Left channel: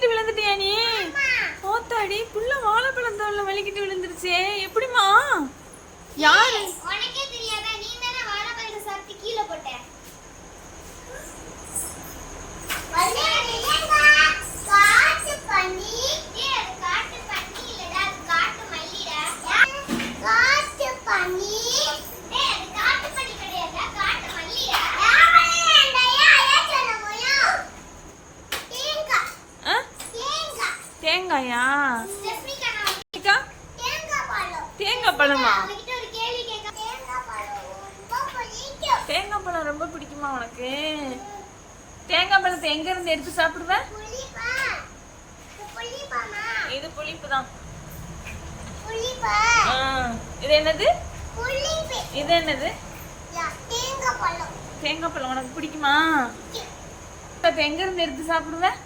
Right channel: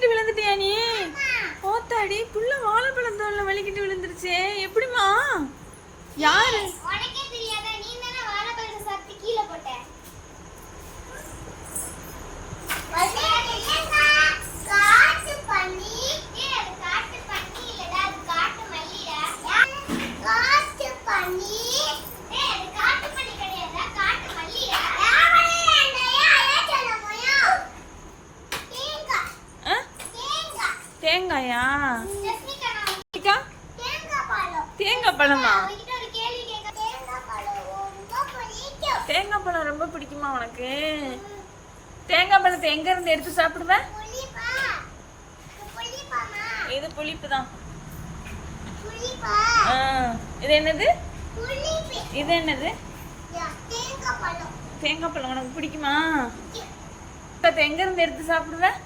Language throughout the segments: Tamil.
வலிக்கிட்டு விழுந்துட்டியா நீ? ஓத்தாடி புள்ள வாழைப்பழம் தோல்ல வலிக்கிட்டு விழுந்துருச்சே. எப்படிமா யாரு? தேங்காயா? தேங்காய் பழமா? தேங்காய் பழம் ரொம்ப பிடிக்குமா உனக்கு? தேங்காய் பழத்தை எங்க இருந்து எடுத்து சாப்பிடுவ? இது புளிப்பு தான். இது என்னது? இது என்னது? தேங்காய் பழம் உனக்கு பிடிக்குமா? எங்க இருந்து எடுத்து சாப்பிடுவேன்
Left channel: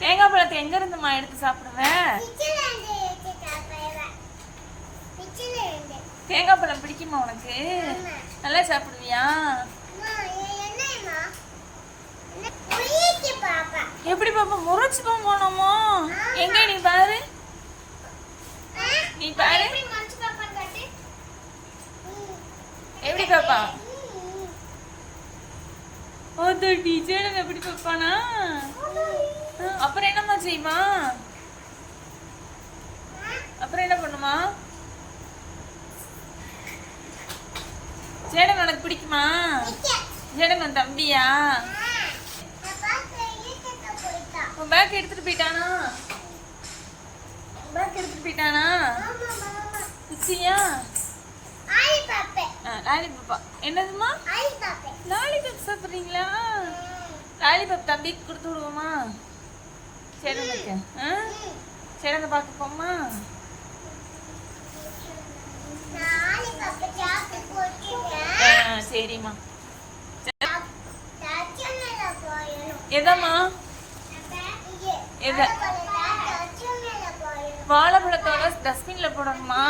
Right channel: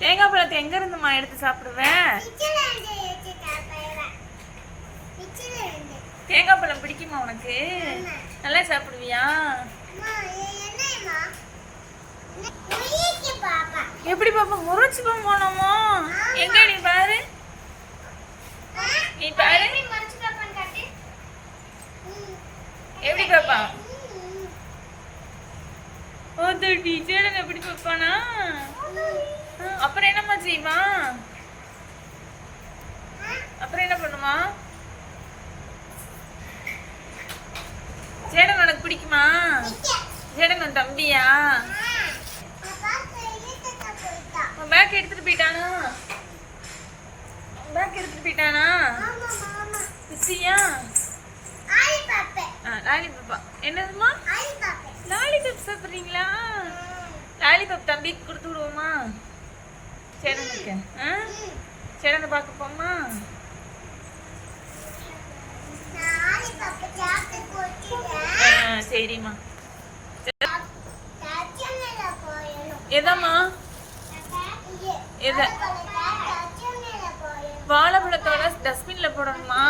தேங்காய் பழத்தை எங்க இருந்துமா எடுத்து சாப்பிடுவேன்? தேங்காய் பழம் பிடிக்குமா உனக்கு. நல்லா சாப்பிடுவியா? எப்படி பாப்பா? முறைச்சு போனோமோ. எங்க நீ பாரு. நீ பாரு. எப்படி பாப்பா. ஓ டீச்சர் எப்படி பாப்பானா ஆ, அப்புறம் என்னம்மா செய்வா அப்புறம் என்ன பண்ணுமா? சேடன் உனக்கு பிடிக்குமா. சேடன் உன் தம்பியா? உன் பேக் எடுத்துட்டு போயிட்டானா? பேக் எடுத்துட்டு போயிட்டானா? ஆமா லாலிபாப்பா. என்னதுமா லாலிபாப் சாப்பிட்றீங்களா? லாலிபாப் தம்பிக்கு கொடுத்து விடுவோமா? சேடனுக்கு ஆ? சேடனை பார்க்க போமா சரிம்மா. எதம்மா? எது? வாழைப்பழத்தோட டஸ்ட்பின்ல போடணுமா?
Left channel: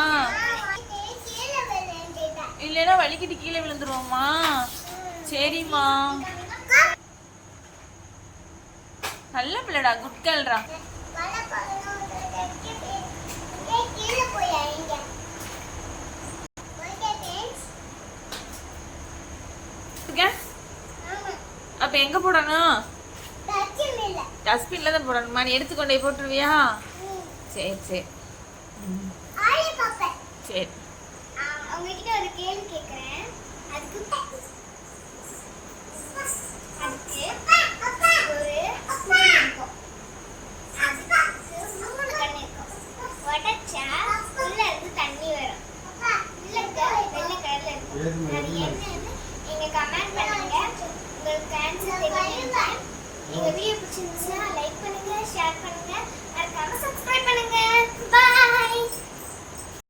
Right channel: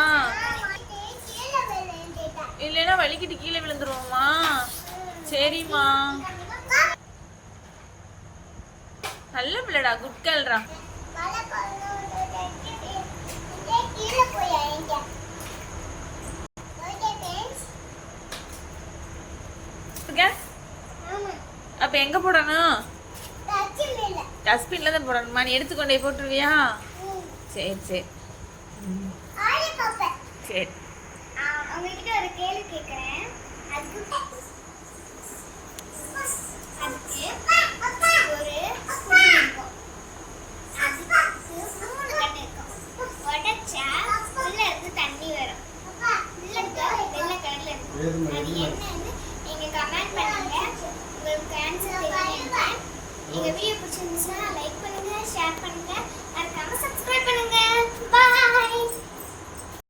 இல்லைன்னா வலிக்கிட்டு கீழே விழுந்துருவோமா சரிம்மா. நல்ல பிள்ளைடா குட் கேர்ள்ரா அப்ப எங்க போடணும்? டஸ்ட்பின்ல தான் போடணுமா? நீ எடுத்துக்கொண்டே போட்டுருவியா? சரி சரி. சரி. அவங்கக்கிட்ட ஒரு கேள்வி கேட்குறேன் அதுக்கு ஒரு இருக்கும் அதுக்கு உடச்சா உள்ள தண்ணி வரும். உள்ள இருக்க வெள்ளை கலர்ல இருக்கும். அது என்னன்னு நீங்க கமெண்ட் பண்ணுங்க. உங்களுக்கு ஆன்சர் தெரியுங்க எங்க வீடியோ பிடிச்சிருந்துச்சுன்னா லைக் பண்ணுங்க ஷேர் பண்ணுங்க. மறக்காம சப்ஸ்கிரைப் பண்ணுங்க. பாய்